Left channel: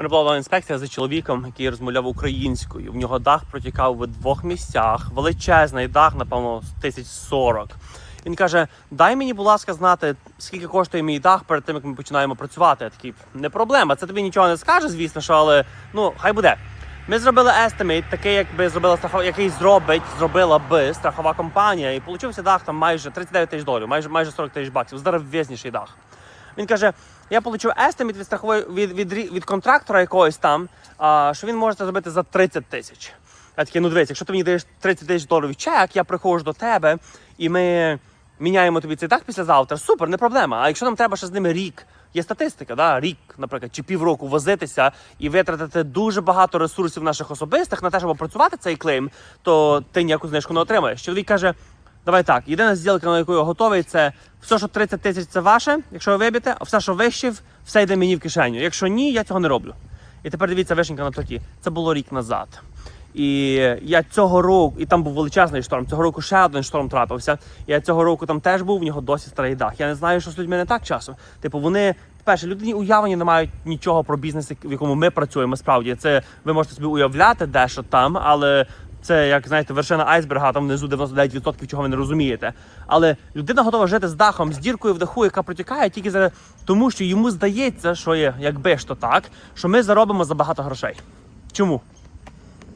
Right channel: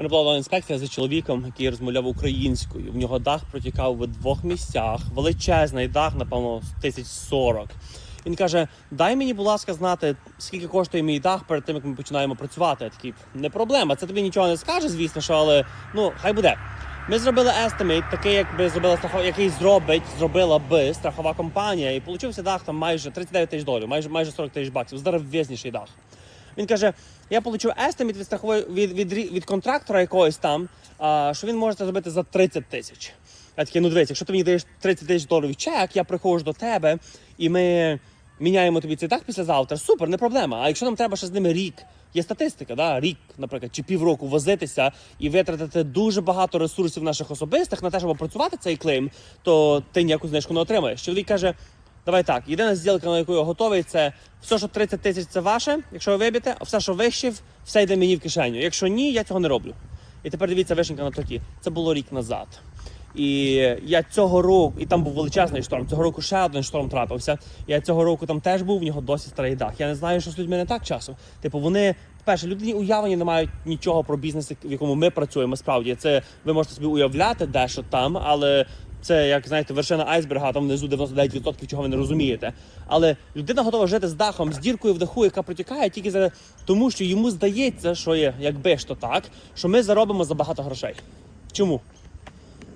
мене була інспекція за чоловіком, який розмовляв українською. В нього дах протікав в двох місцях. Величезний дах, напевно, тисяч сорок. Він каже: дай мені, будь ласка, знати, скільки коштує мій дах перед тим, як ми починаємо працювати. Я такий, не проблема. Це тобі нічого не скаже, звісно, що але ну хай буде. Ми зробили естимейт, такий, якби зробила страхова, який зробить, зробила би страхова компанія, і получився дах там майже 39 тисяч доларів, майже майже 40 тисяч баксів. Здоровезніший дах. Він каже: я получив естимейт від страхової від, від, рі- від контрактора якогось там, а, що він може це зробити за 30 тисяч. Я такий, ну дивись, якщо ти мені даєш 30 тисяч доларів чек, я приходжу до тебе і ми міняємо тобі цей дах післязавтра. Супер, не проблема. А якщо нам треба ще з ними рік, є статистика, да? рік, наприклад, чи півроку возитися і витратити дуже багато ресурсів наших особистих на те, щоб опрацювати цей клейм, то ти ніяку знижку не отримаєш. Чоловік каже. Давай так, єдина зділка, на яку я готовий, це все, що 30 тисяч це ваше, якщо ви виб'єте, а все, що вище, все йде мені в кишеню. Якщо ні, я цього не роблю. І тепер дивіться вишенька на токі. Це було рік назад. І я цього року, і там був величезний шторм. Цього року ще один шторм трапився. Я цього року там теж був, в нього досі старий дах. Я не знаю, що з людьми не так часом. Типу, вони перше, людині уявлення не мають нічого про бізнес, в якому ми працюємо. Справді це ви можете собі уявляти дещо там, але це як знаєте, вершина айсберга, там внизу 99% чого ви не розумієте. Але людина готова жити з дахом, з діркою в даху, яка протікає тільки за тому, що йому здається, що є, якби ж то так, що ми заробимо забагато грошей. Чому?